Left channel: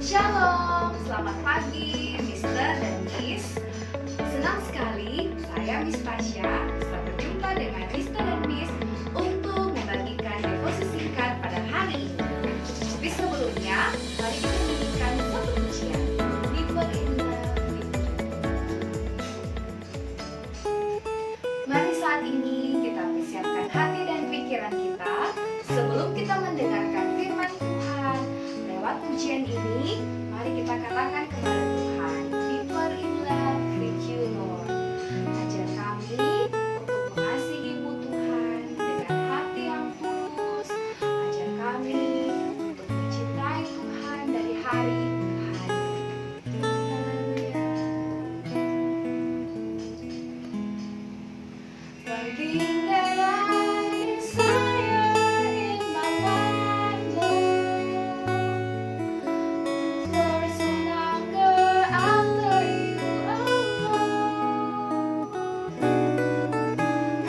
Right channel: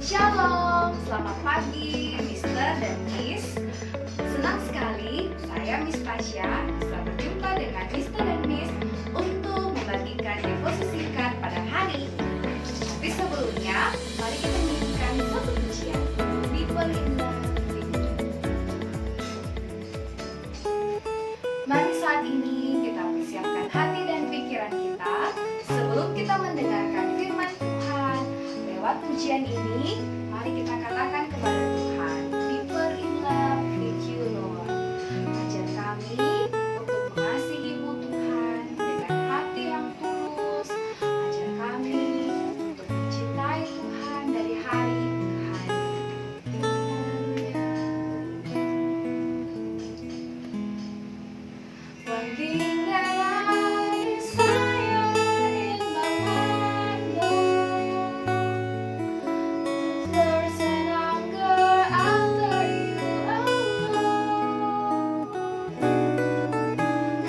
Shalom, selamat pagi Mister dan Miss. Senang sekali saya Miss Tasya bisa berjumpa dengan Mister dan Miss untuk membagikan devosi singkat pada hari ini. Tapi sebelumnya, mari kita nyanyikan satu pujian. Deeper in Love with You. Mari saat ini kita persiapkan hati dan pikiran kita sebelum kita mendengarkan firman Tuhan. Lewat pujian ini, mari kita katakan kepada Tuhan, deeper in love with you, Lord. Ajar kami untuk mengasihi-Mu, Tuhan, dengan hati yang tulus. Ajar kami untuk mencintai Tuhan dari hari ke hari. Haleluya. One thing that I desire in my mind, Lord, thirst and hunger after you alone.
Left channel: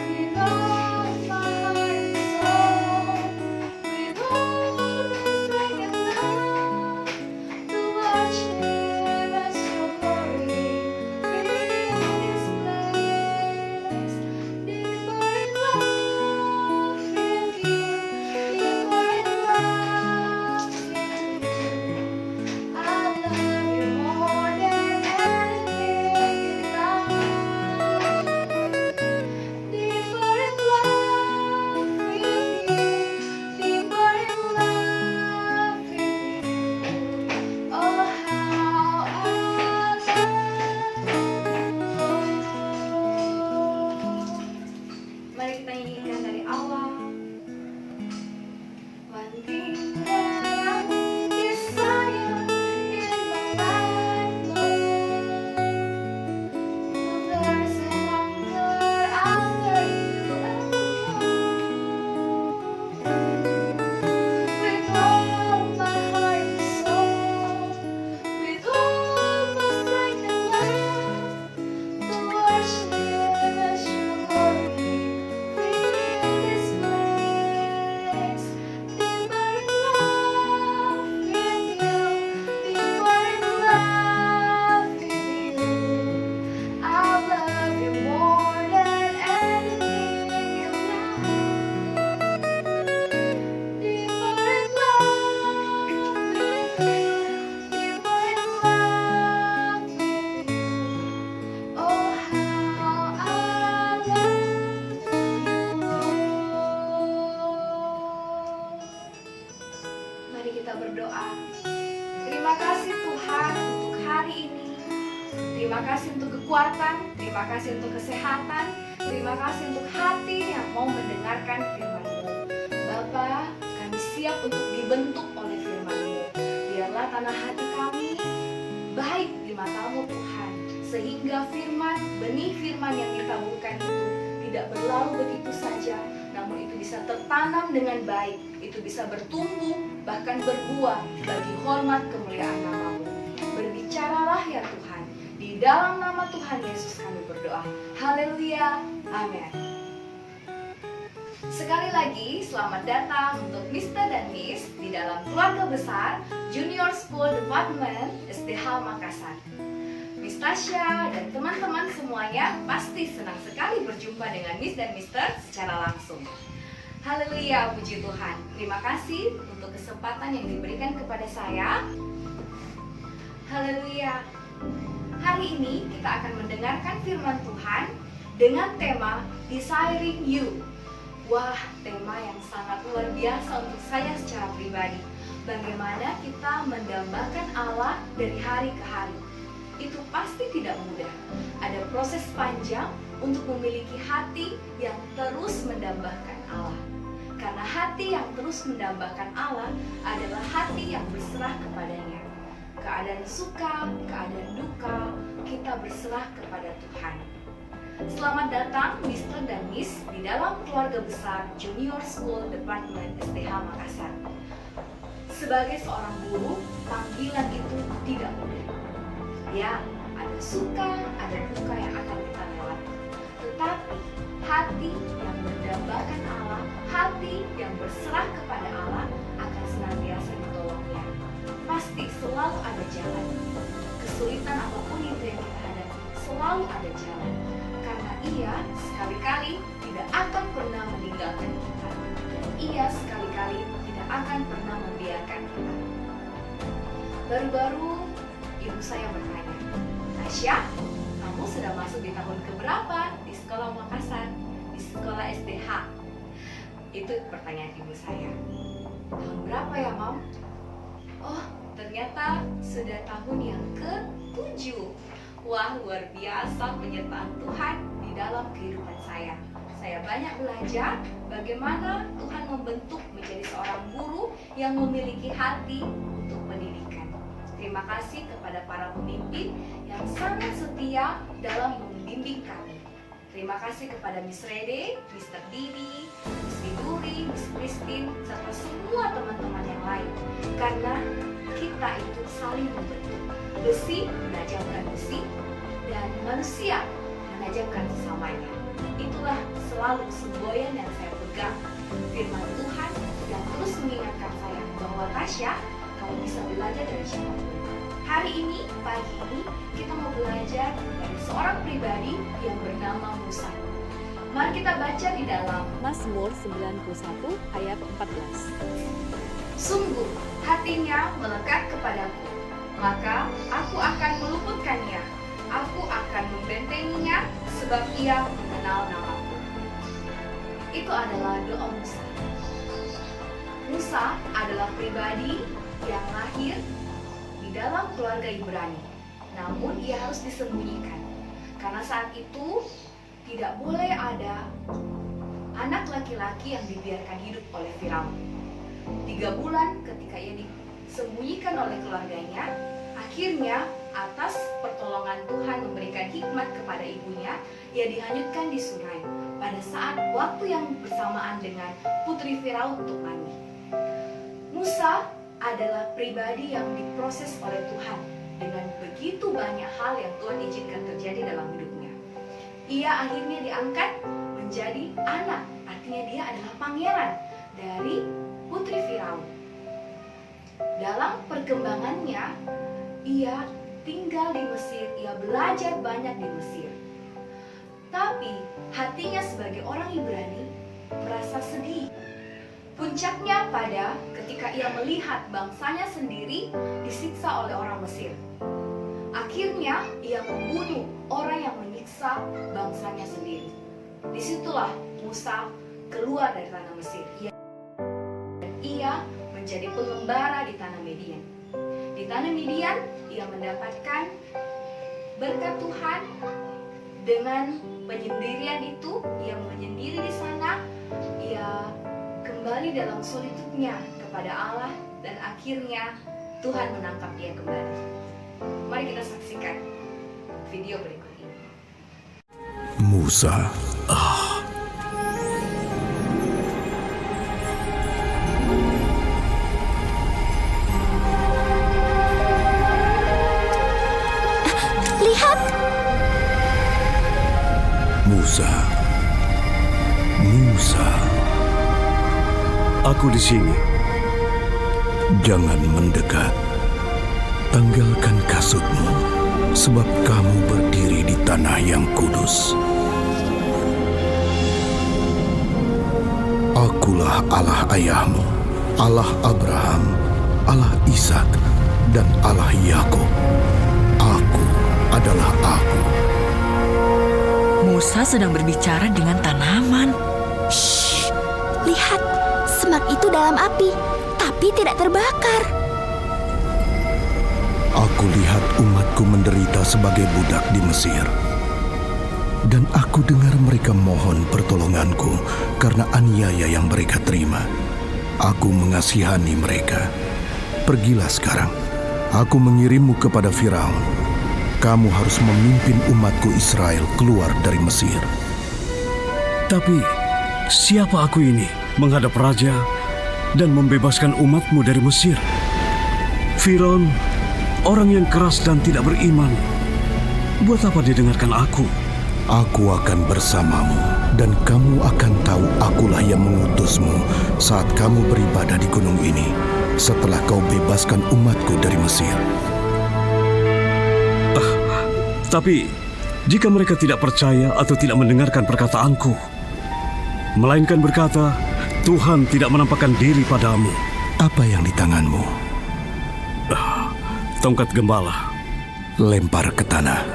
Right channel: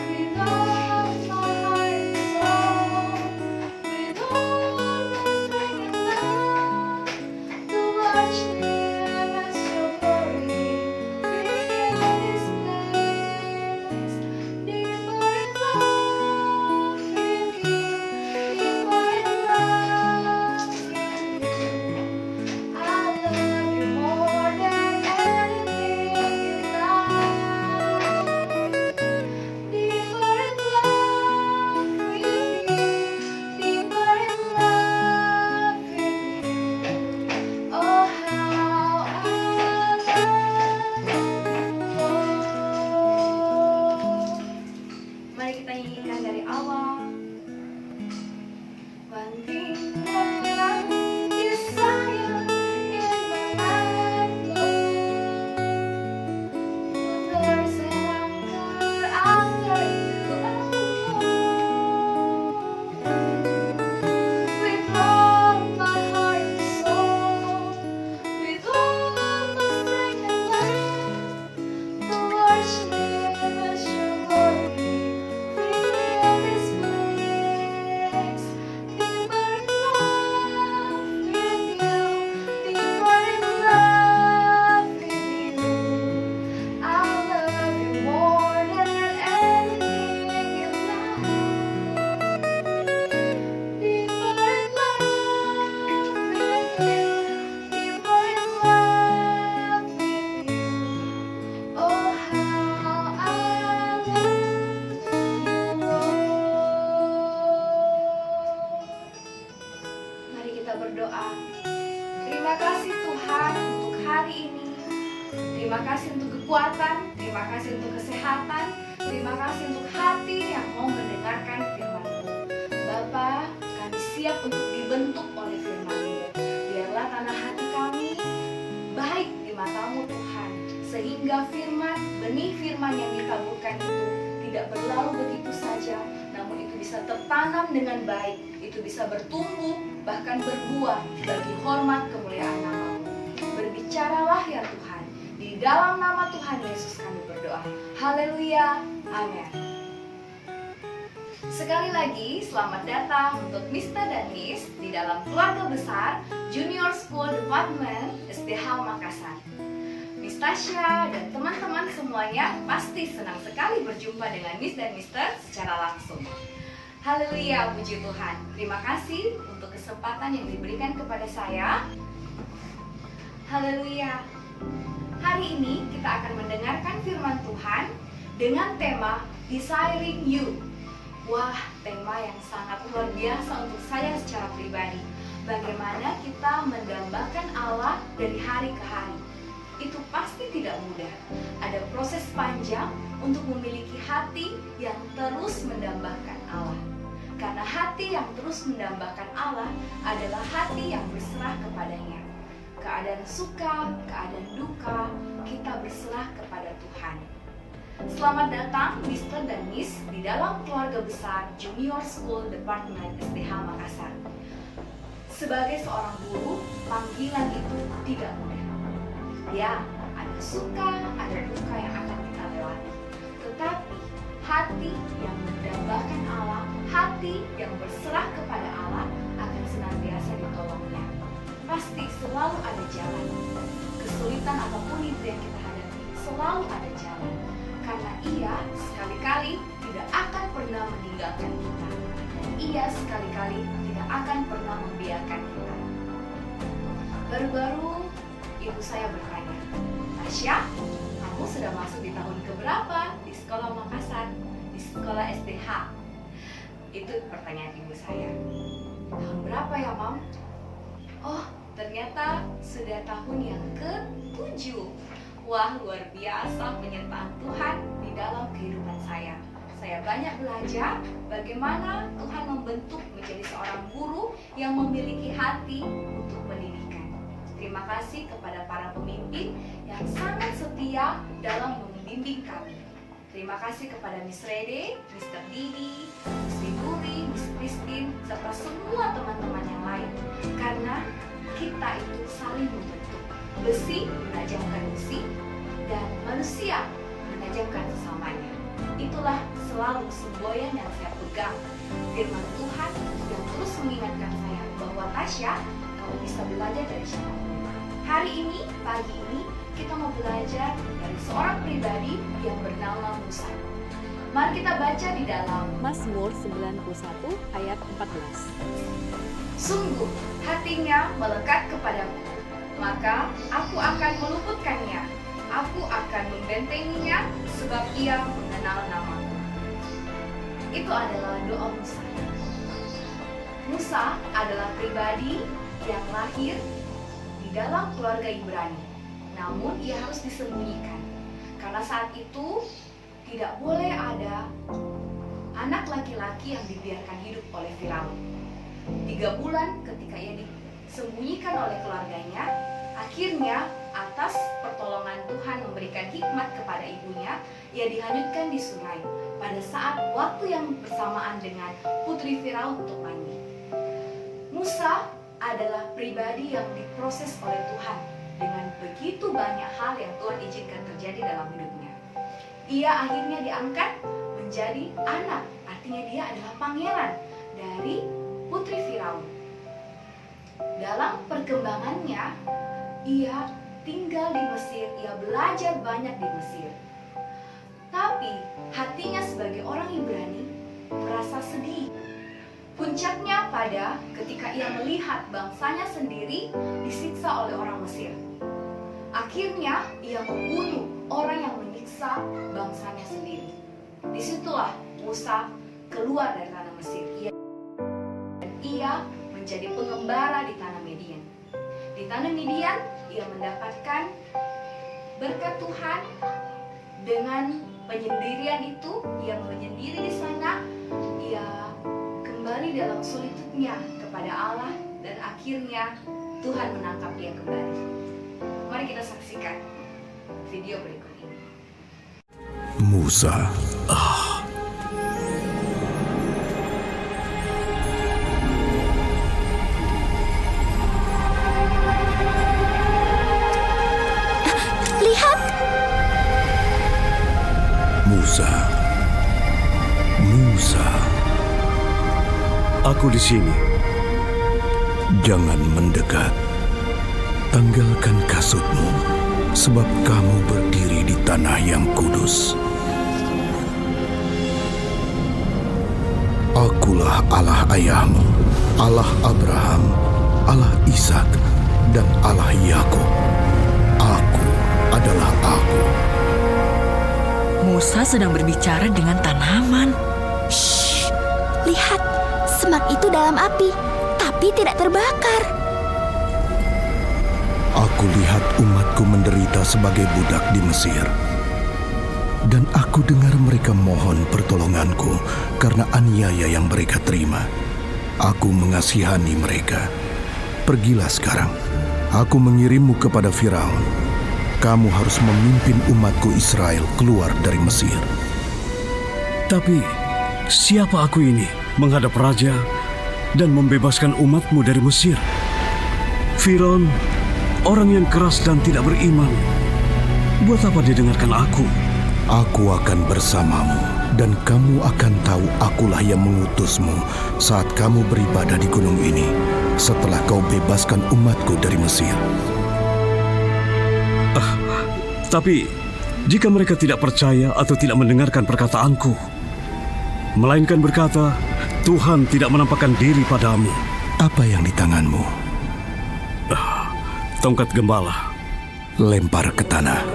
With all my heart and soul, with all my strength and love, to watch them as your glory fill this place. Deeper in love with you, deeper in love with you. I love you more than anything in life. Deeper in love with you, deeper in love with you. Oh, how I love you. Mari kita nyanyikan dari awal. One thing that I desire in my life, Lord, thirst and hunger after you alone. With all my heart and soul, with all my strength and love, to worship as your glory fill this place. Deeper in love with you, deeper in love with you. I love you more than anything in life. Deeper in love with you, deeper in love with you. Oh, how I love you, Lord. Mari kita berdoa. Terima kasih Tuhan untuk hari ini. Terima kasih untuk kekuatan, terima kasih untuk kesehatan, terima kasih untuk hati yang mau mendengarkan firman-Mu. Bapa, kami siap untuk dibentuk oleh firman-Mu. Biarlah tanah hati kami baik di mata-Mu, Tuhan, sehingga firman, benih firman yang ditaburkan itu tidak berlalu begitu saja, namun itu bisa tertanam dengan baik, itu bisa bertumbuh, bahkan berbuah bagi hormat kemuliaan nama-Mu. Berbicaralah ya Tuhan, di dalam nama Tuhan Yesus kami berdoa. Haleluya, amin. Sekali lagi, selamat datang untuk Mister dan Miss di dalam keluarga besar Junior School Department SDH Makassar. Miss Tasya dan teman-teman semuanya pasti senang sekali berjumpa dengan Miss dan Mister secara langsung. Haleluya, puji Tuhan. Terima kasih untuk kesempatan yang diberikan kepada saya. Haleluya. Hari ini kita akan mendengarkan firman Tuhan dengan tema Desiring You. Wah, tema yang sangat luar biasa untuk saya secara pribadi. Bagaimana kita mendambakan Allah dari hari ke hari. Itu pasti tidak mudah. Ada proses panjang untuk memiliki hati yang terus mendambakan Allah. Karena hati yang terus mendambakan Allah adalah hati yang berserah kepadanya. Keadaan suka, keadaan duka, kita berserah kepada Tuhan. Selamat datang Mister dan Miss di dalam keluarga besar Junior School Department SDH Makassar. Sebagai seorang guru, panggilan itu tidak mudah. Ya, ada suka, ada duka yang akan kita lewati. Tetapi hati yang mendambakan Allah, hati yang berserah kepada Allah akan senantiasa ditolongnya. Pasti selalu ada jalan. Kesulitan apapun itu yang kita hadapi, selalu ada jalan. Karena Ia sekali-kali tidak akan pernah meninggalkan kita. Dan Ia sekali-kali tidak akan pernah membiarkan kita. Baru-baru ibu saya bertanya, Tasya, kamu sudah masuk di tahun keberapa di sekolah Makassar, di sekolah SDH? Itu pertanyaan ibu saya. Tahun berapa ya, Mam? Oh, ternyata sudah tahun yang ke-7. Wah, luar biasa penyertaan Tuhan di dalam kehidupan saya. Saya banyak belajar bagaimana Tuhan membentuk menjadi seorang guru yang memiliki hati untuk pendidikan. Terima kasih kepada para pemimpin yang sangat setia dalam membimbing kami. Terima kasih kepada Miss Rede, Mr. Didi, Miss Widuri, Miss Christine, serta semua teman-teman yang lain. Karena kita itu saling membentuk. Besi menajamkan besi dan manusia menajamkan sesamanya. Itulah selalu semboyan yang saya pegang. Firman Tuhan yang terus mengingatkan saya bahwa Tasya, kamu bisa belajar dari siapapun. Hari ini, pagi ini, kita mau belajar dari seorang pribadi yang bernama Musa. Mari kita baca di dalam Mazmur 91 ayat 14. Sungguh hatinya melekat kepadaku, maka aku akan meluputkannya. Aku akan membentenginya sebab ia mengenal namaku. Itu adalah doa Musa. Musa adalah pribadi yang lahir di dalam keluarga Ibrani. Namun ia harus disembunyikan. Karena saat itu tidak boleh ada anak laki-laki yang dibiarkan hidup oleh Firaun. 3 bulan ketika ia disembunyikan oleh keluarganya, akhirnya atas pertolongan Tuhan memberikan hikmat kepada ibunya, ia dihanyutkan di sungai pada saat waktu yang bersamaan dengan putri Firaun untuk mandi. Musa adalah pribadi yang diproses oleh Tuhan dengan begitu banyak hal yang Tuhan izinkan terjadi dalam hidupnya. Ia akhirnya diangkat menjadi anak, artinya dia adalah pangeran dari putri Firaun. Dalam perkembangannya, ia tinggal di Mesir, ia belajar banyak di Mesir. Tapi hatinya sebagai orang Ibrani merasa sedih. Puncaknya pada ketika ia melihat bangsanya sendiri disiksa oleh orang Mesir. Akhirnya ia membunuh orang yang menyiksa bangsanya sendiri. Disitulah Musa keluar dari tanah Mesir. Ia menjadi pengembara di tanah Midian. Di tanah Midian ia mendapatkan berkat Tuhan. Dengan penyendirian itu, ia menyendiri di sana. Ia kembali dalam solitudenya kepada Allah dan akhirnya Tuhan menangkap dia kembali. Mari kita saksikan video berikut ini. Musa. Lihat! Musa. Musa. Aku di sini. Jangan mendekat. Tanggalkan kasutmu, sebab kamu berdiri di tanah yang kudus. Akulah Allah ayahmu, Allah Abraham, Allah Ishak, dan Allah Yakub. Aku adalah Aku. Musa sedang berbicara dengan tanaman. Shh! Lihat, semak itu dalam api, tapi tidak terbakar. Aku lihat umatku menderita sebagai budak di Mesir. Dan aku dengar mereka mohon pertolonganku karena aniaya yang mereka terima. Aku mengasihani mereka. Pergilah sekarang. Aku mengirimmu kepada Firaun. Kamu harus memimpin umatku Israel keluar dari Mesir. Tapi siapa aku ini menghadap raja dan membebaskan umatmu dari Mesir? Firaun, orang yang keras dan tidak beriman. Buat apa dia dengarkan aku? Aku akan bersamamu, dan kamu akan tahu akulah yang mengutusmu saat kamu beribadah di gunung ini. setelah kau bebaskan umatku dari Mesir. Tapi, jika mereka tidak percaya atau tidak mendengarkan perkataanku, melainkan berkata, Tuhan tidak menampakkan diri padamu. Apa yang di tanganmu? Tongkat gembala. Lempar ke tanah.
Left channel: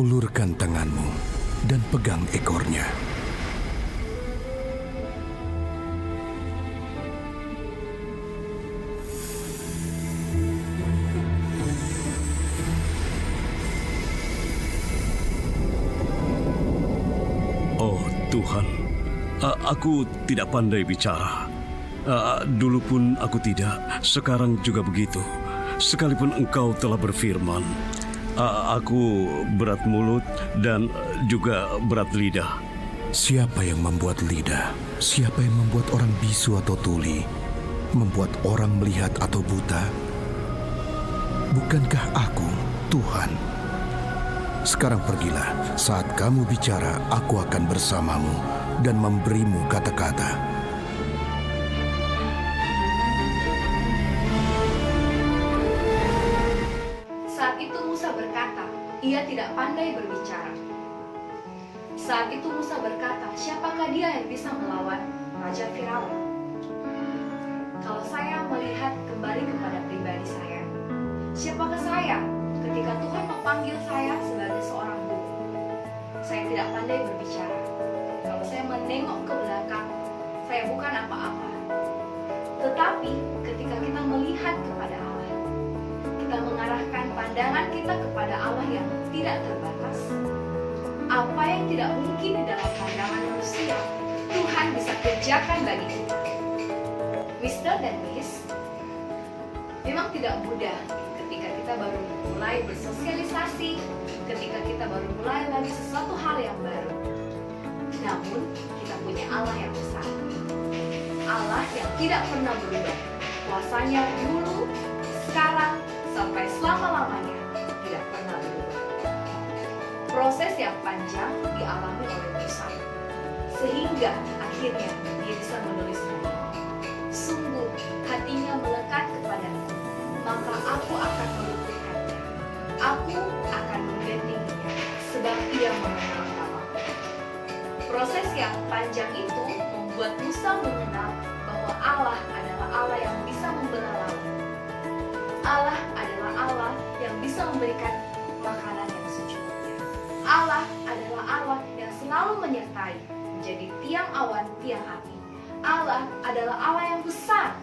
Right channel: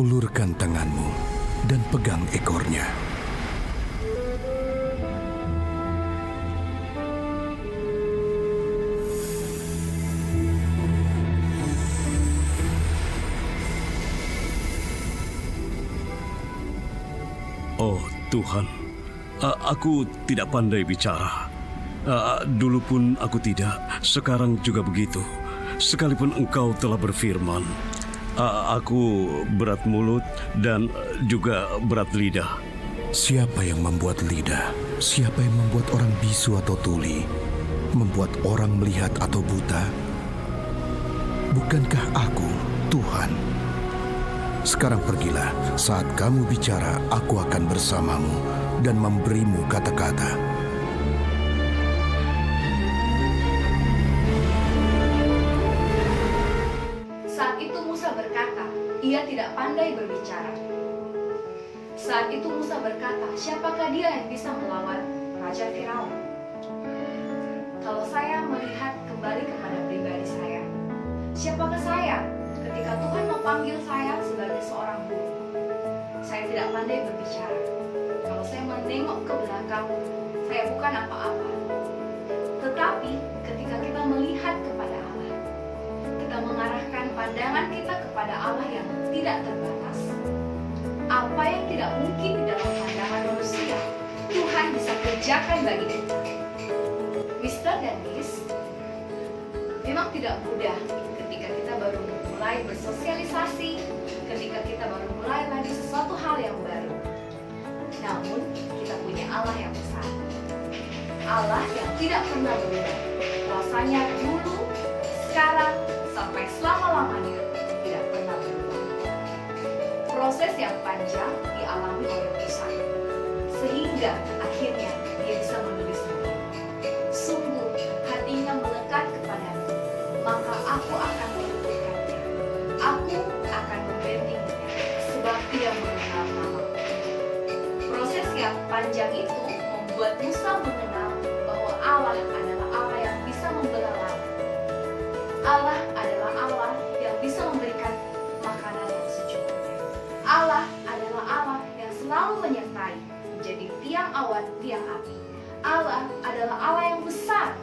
Ulurkan tanganmu dan pegang ekornya. Oh Tuhan, aku tidak pandai bicara. Dulu pun aku tidak, sekarang juga begitu. Sekalipun Engkau telah berfirman, aku berat mulut dan juga berat lidah. Siapa yang membuat lidah? Siapa yang membuat orang bisu atau tuli? Membuat orang melihat atau buta? Bukankah aku, Tuhan? Sekarang pergilah, saat kamu bicara, aku akan bersamamu dan memberimu kata-kata. Saat itu Musa berkata, ia tidak pandai berbicara. Saat itu Musa berkata, siapakah dia yang bisa melawan Raja Firaun? Kalau saya melihat kembali kepada pribadi saya, siapakah saya ketika Tuhan memanggil saya sebagai seorang guru? Saya tidak pandai berbicara. Kalau saya menengok ke belakang, saya bukan apa-apa. Tetapi ketika kita melihat kepada Allah, kita mengarahkan pandangan kita kepada Allah yang tidak terbatas. Apa yang tidak mungkin di dalam pandangan manusia, Tuhan bisa kerjakan bagi kita. Mr. dan Miss, memang tidak mudah ketika kita baru mulai bersosialisasi, ketika kita baru mulai lagi sesuatu hal yang baru. Namun, kita punya Allah yang besar. Allah yang tidak pernah berubah. Kuasanya dulu, sekarang, sampai selama-lamanya tidak pernah berubah. Proses yang panjang dialami oleh Musa, sehingga akhirnya dia bisa menulisnya. Sungguh hatinya melekat kepadamu, maka aku akan meluputkannya. Aku akan membentingnya, sebab ia mengenal namaku. Proses yang panjang itu membuat Musa mengenal bahwa Allah adalah Allah yang bisa membelah laut. Allah adalah Allah yang bisa memberikan makanan yang secukupnya. Allah adalah Allah yang selalu menyertai, menjadi tiang awan, tiang api. Allah adalah Allah yang besar.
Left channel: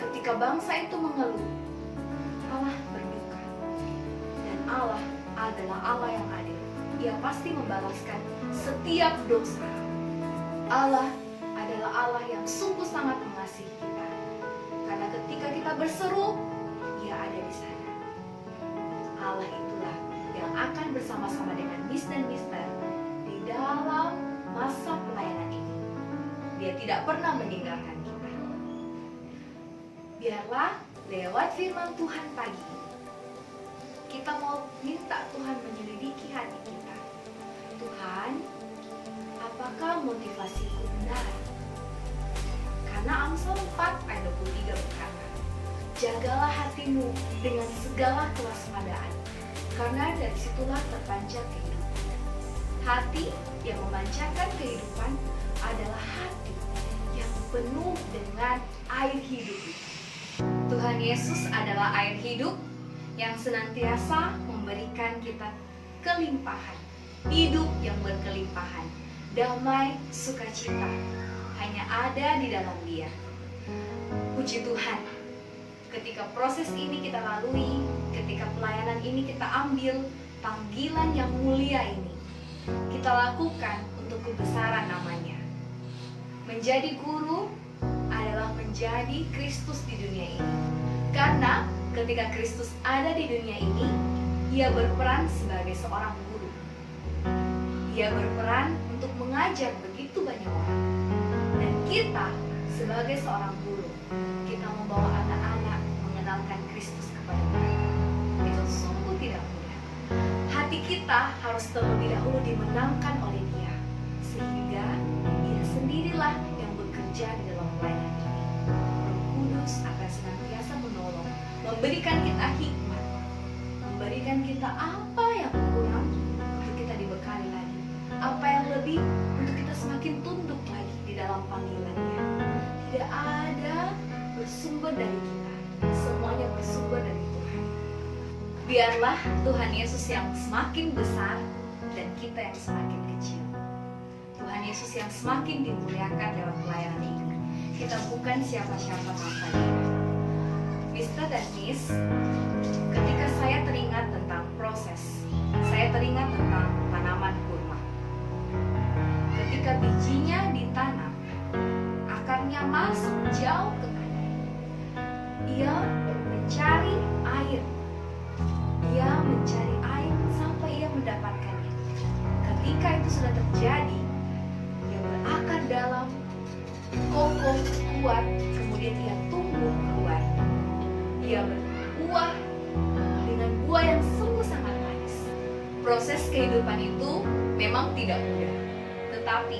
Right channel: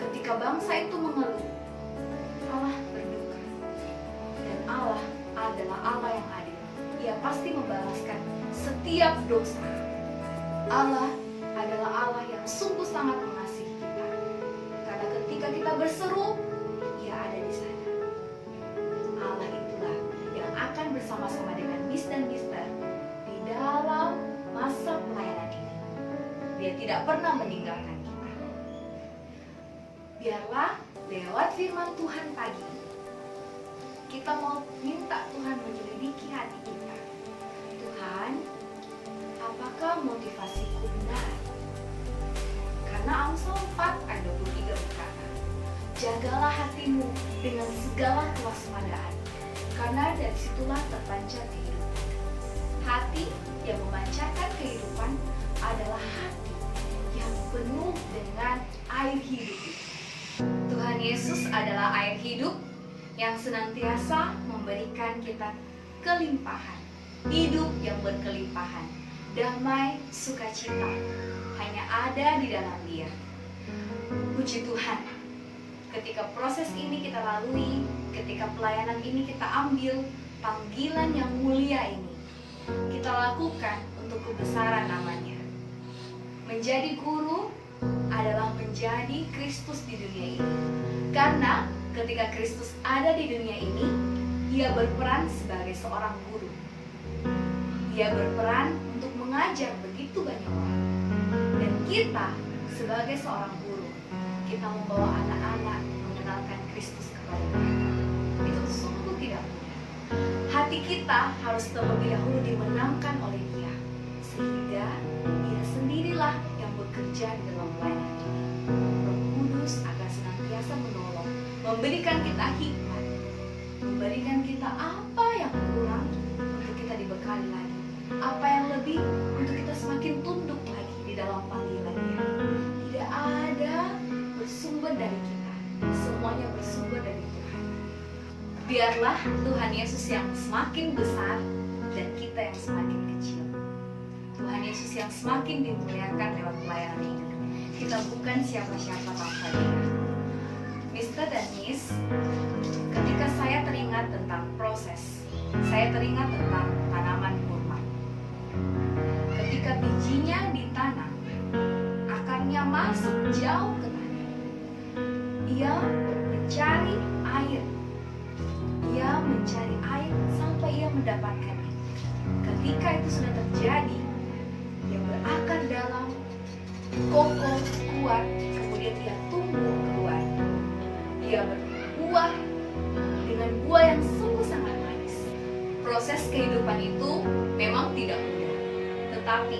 Ketika bangsa itu mengeluh, Allah berduka. Dan Allah adalah Allah yang adil. Ia pasti membalaskan setiap dosa. Allah adalah Allah yang sungguh sangat mengasihi kita. Karena ketika kita berseru, Ia ada di sana. Allah itulah yang akan bersama-sama dengan Miss dan Mister di dalam masa pelayanan ini. Dia tidak pernah meninggalkan kita. Biarlah lewat firman Tuhan pagi ini, kita mau minta Tuhan menyelidiki hati kita. Tuhan, apakah motivasiku benar? Karena Amsal 4 ayat 23 berkata, jagalah hatimu dengan segala kewaspadaan, karena dari situlah terpancar kehidupan. Hati yang memancarkan kehidupan adalah hati yang penuh dengan air hidup. Tuhan Yesus adalah air hidup yang senantiasa memberikan kita kelimpahan, hidup yang berkelimpahan, damai, sukacita hanya ada di dalam Dia. Puji Tuhan, ketika proses ini kita lalui, ketika pelayanan ini kita ambil, panggilan yang mulia ini kita lakukan untuk kebesaran namanya. Menjadi guru adalah menjadi Kristus di dunia ini. Karena ketika Kristus ada di dunia ini, Ia berperan sebagai seorang guru. Ia berperan untuk mengajar begitu banyak orang. Dan kita sebagai seorang guru, kita membawa anak-anak mengenalkan Kristus kepada mereka. Itu sungguh tidak mudah. Hati kita harus terlebih dahulu dimenangkan oleh Dia. sehingga Ia sendirilah yang bekerja di dalam pelayanan ini. Roh Kudus akan senantiasa menolong, memberikan kita hikmat, memberikan kita apa yang kurang untuk kita dibekali lagi, apa yang lebih untuk kita semakin tunduk lagi di dalam panggilannya. Tidak ada bersumber dari kita, semuanya bersumber dari Tuhan. Biarlah Tuhan Yesus yang semakin besar dan kita yang semakin kecil. Tuhan Yesus yang semakin dimuliakan lewat pelayanan ini. Kita bukan siapa-siapa tanpa Dia. Mr. dan Miss, ketika saya teringat tentang proses, saya teringat tentang tanaman kurma. Ketika bijinya ditanam, akarnya masuk jauh ke tanah. Ia mencari air. Ia mencari air sampai ia mendapatkannya. Ketika itu sudah terjadi, ia berakar dalam, kokoh, kuat, kemudian ia tumbuh keluar. Ia berbuah dengan buah yang sungguh sangat manis. Proses kehidupan itu memang tidak mudah. Tetapi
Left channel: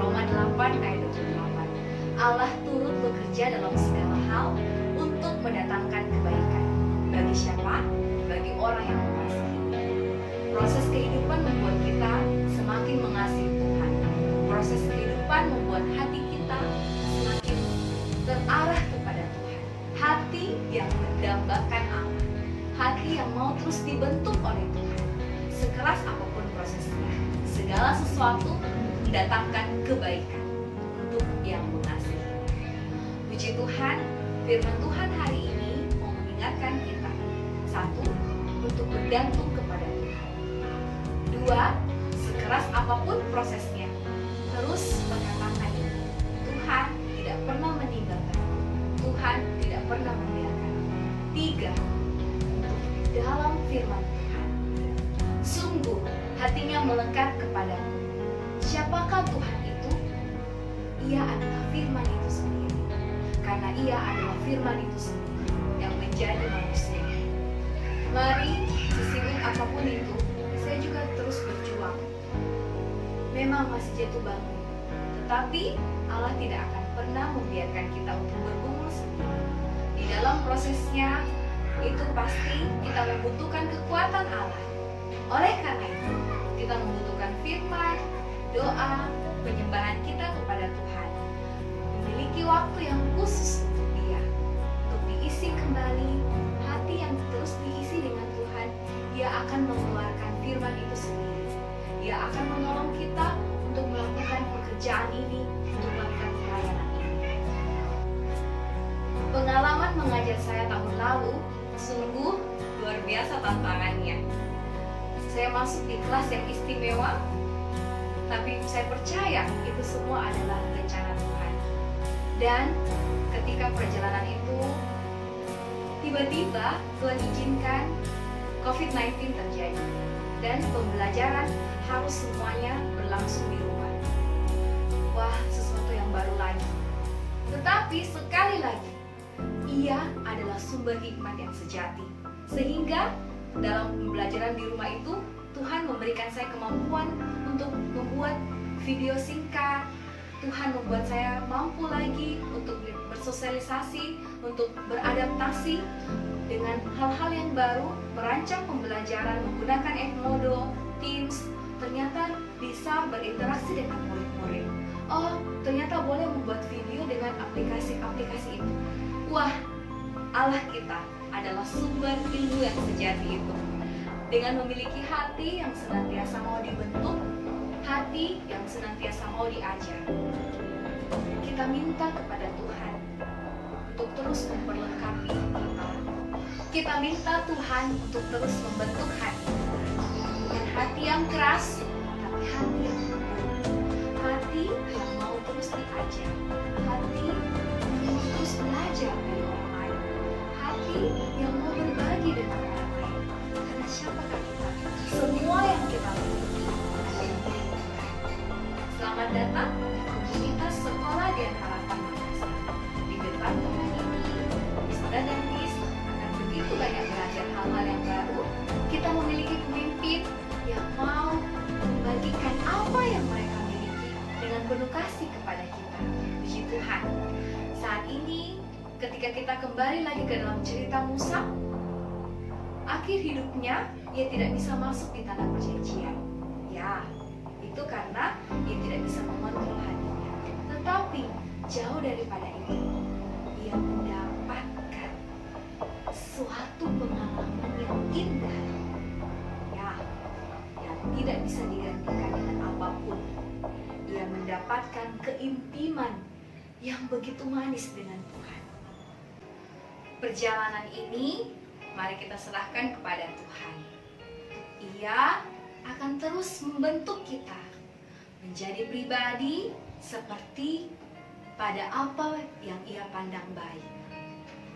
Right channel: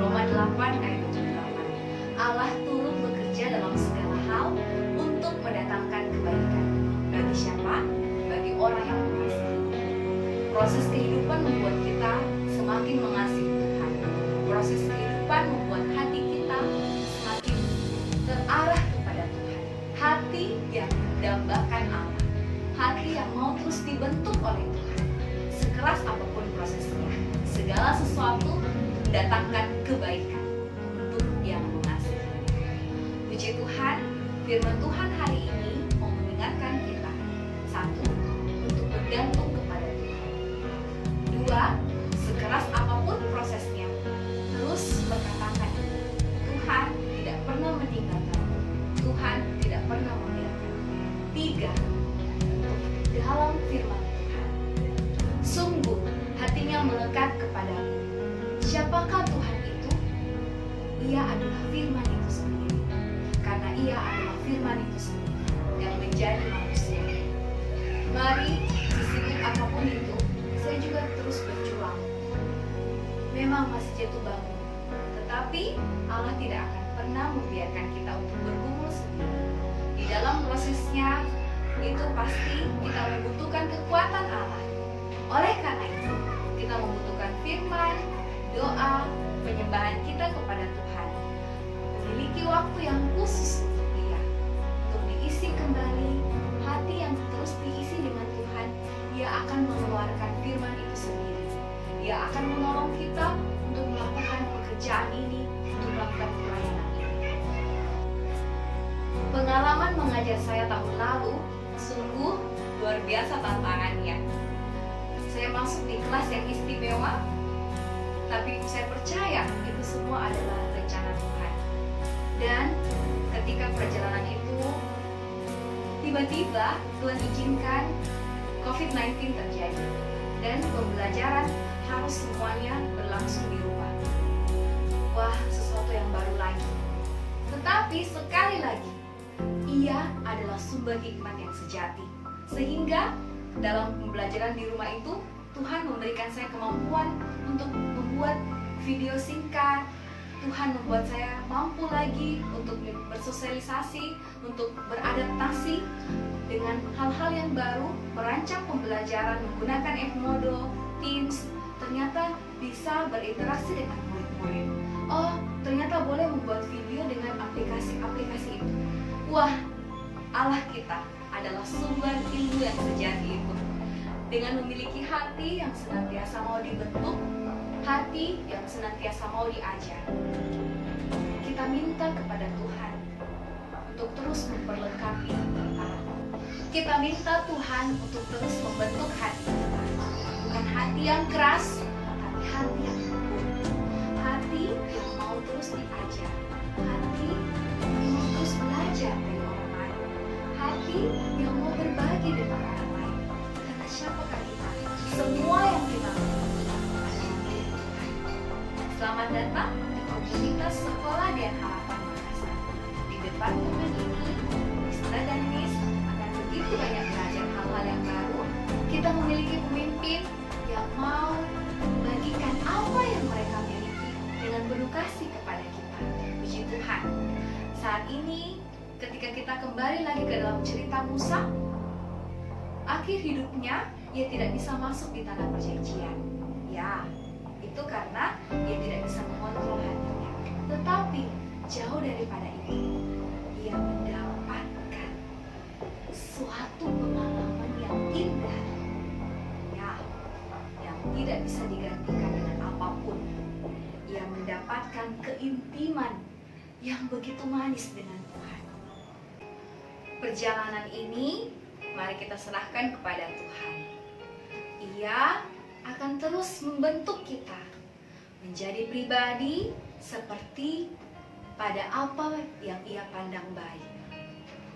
Roma 8 ayat 28, Allah turut bekerja dalam segala hal untuk mendatangkan kebaikan. Bagi siapa? Bagi orang yang mengasihi. Proses kehidupan membuat kita semakin mengasihi Tuhan. Proses kehidupan membuat hati kita semakin terarah kepada Tuhan. Hati yang mendambakan Allah. Hati yang mau terus dibentuk oleh Tuhan. Sekeras apapun prosesnya, segala sesuatu mendatangkan kebaikan untuk yang mengasihi. Puji Tuhan, firman Tuhan hari ini mau mengingatkan kita. 1, untuk bergantung kepada Tuhan. 2, sekeras apapun prosesnya, terus berkatakan ini, Tuhan tidak pernah meninggalkan, Tuhan tidak pernah membiarkan. 3, untuk dalam firman Tuhan. Sungguh hatinya melekat kepadamu. Siapakah Tuhan itu? Ia adalah firman itu sendiri. Karena ia adalah firman itu sendiri yang menjadi manusia. Mari, sesibuk apapun itu, saya juga terus berjuang. Memang masih jatuh bangun, tetapi Allah tidak akan pernah membiarkan kita untuk bergumul sendiri. Di dalam prosesnya, itu pasti kita membutuhkan kekuatan Allah. Oleh karena itu, kita membutuhkan firman, doa, penyembahan kita kepada Tuhan. Memiliki waktu yang khusus untuk Dia, untuk diisi kembali hati yang terus diisi dengan Tuhan. Dia akan mengeluarkan firman itu sendiri. Dia akan menolong kita untuk melakukan pekerjaan ini, untuk melakukan pelayanan ini. Pengalaman mengajar saya tahun lalu sungguh luar biasa tantangannya. Saya masuk di kelas yang istimewa, tapi saya percaya itu semua adalah rencana Tuhan. Dan ketika perjalanan itu tiba-tiba Tuhan izinkan COVID-19 terjadi dan pembelajaran harus semuanya berlangsung di rumah. Wah, sesuatu yang baru lagi. Tetapi sekali lagi, Ia adalah sumber hikmat yang sejati. Sehingga dalam pembelajaran di rumah itu, Tuhan memberikan saya kemampuan untuk membuat video singkat. Tuhan membuat saya mampu lagi untuk bersosialisasi, untuk beradaptasi dengan hal-hal yang baru, merancang pembelajaran menggunakan Edmodo, Teams. Ternyata bisa berinteraksi dengan murid-murid. Oh, ternyata boleh membuat video dengan aplikasi-aplikasi itu. Wah, Allah kita adalah sumber ilmu yang sejati itu. Dengan memiliki hati yang senantiasa mau dibentuk, hati yang senantiasa mau diajar, kita minta kepada Tuhan untuk terus memperlengkapi kita. Kita minta Tuhan untuk terus membentuk hati kita. Bukan hati yang keras, tapi hati yang lembut. Hati yang mau terus diajar. Hati yang mau terus belajar dari orang lain. Hati yang mau berbagi dengan orang lain. Karena siapakah kita? Semua yang kita miliki adalah milik Tuhan. Selamat datang di komunitas Sekolah dan Harapan Makassar. Di departemen ini, Mr. dan Miss akan begitu banyak belajar hal-hal yang baru. Kita memiliki pemimpin yang mau membagikan apa yang mereka miliki Tuhan. Saat ini, ketika kita kembali lagi ke dalam cerita Musa, akhir hidupnya ia tidak bisa masuk di tanah perjanjian. Ya, itu karena ia tidak bisa mengontrol hatinya. Tetapi jauh daripada itu, ia mendapatkan suatu pengalaman yang indah, ya, yang tidak bisa digantikan dengan apapun. Ia mendapatkan keintiman yang begitu manis dengan Tuhan. Perjalanan ini mari kita serahkan kepada Tuhan. Ia akan terus membentuk kita menjadi pribadi seperti pada apa yang ia pandang baik.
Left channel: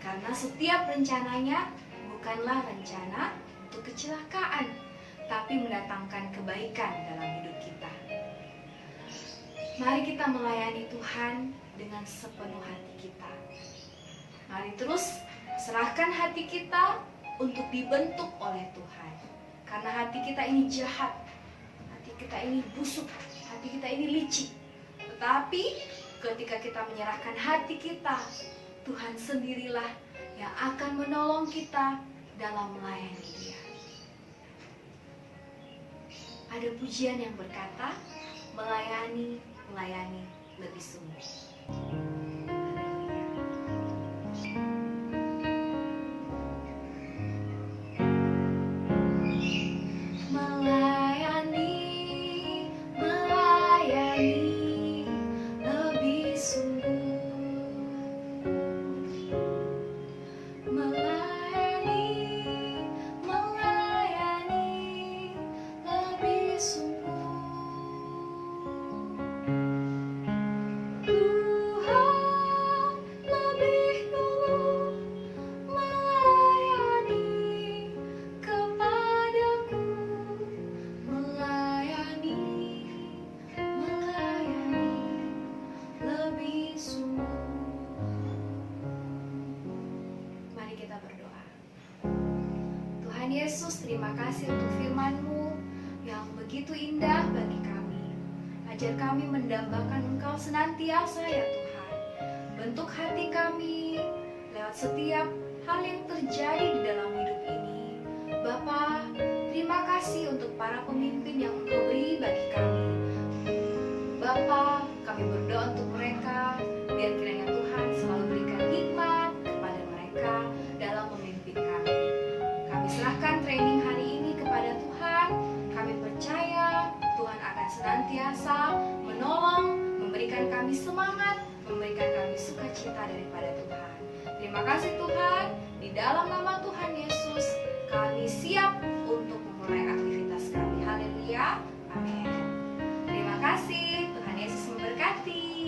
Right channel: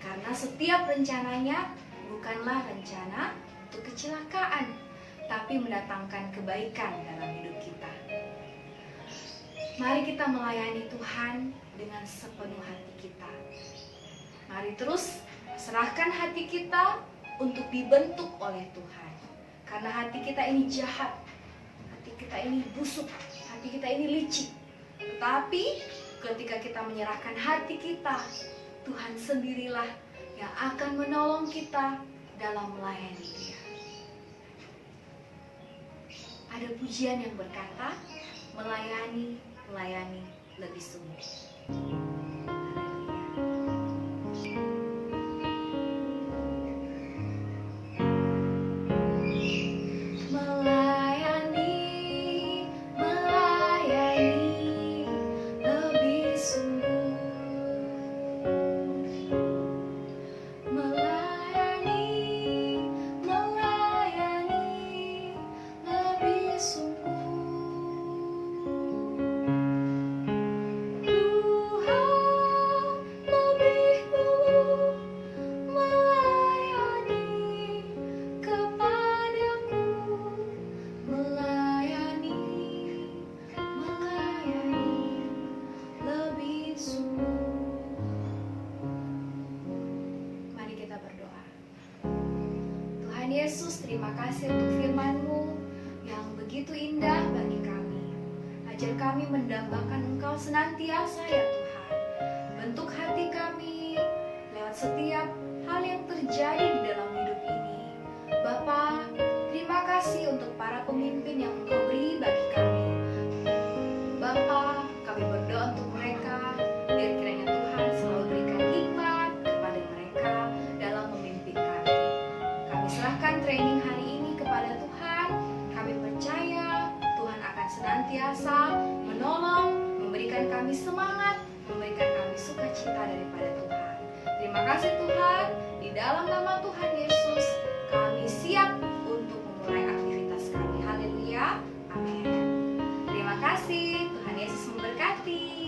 Karena setiap rencananya bukanlah rencana untuk kecelakaan, tapi mendatangkan kebaikan dalam hidup kita. Mari kita melayani Tuhan dengan sepenuh hati kita. Mari terus serahkan hati kita untuk dibentuk oleh Tuhan. Karena hati kita ini jahat, hati kita ini busuk, hati kita ini licik. Tetapi ketika kita menyerahkan hati kita, Tuhan sendirilah yang akan menolong kita dalam melayani Dia. Ada pujian yang berkata, melayani lebih sungguh. Haleluya. Melayani lebih sungguh. Melayani lebih sungguh. Tuhan lebih dulu melayani kepadaku. Melayani lebih sungguh. Mari kita berdoa. Tuhan Yesus, terima kasih untuk firman-Mu yang begitu indah bagi kami. Ajar kami mendambakan Engkau senantiasa ya Tuhan. Bentuk hati kami lewat setiap hal yang terjadi di dalam hidup ini. Bapa, terima kasih untuk para pemimpin yang Engkau beri bagi kami. Bapa, kami berdoa untuk mereka, biar kiranya Tuhan selalu berikan hikmat kepada mereka dalam memimpin kami. Kami serahkan training hari ini kepada Tuhan. Kami percaya Tuhan akan senantiasa menolong, memberikan kami semangat, memberikan kami sukacita daripada Tuhan. Terima kasih Tuhan, di dalam nama Tuhan Yesus, kami siap untuk memulai aktivitas kami. Haleluya, amin. Terima kasih, Tuhan Yesus memberkati.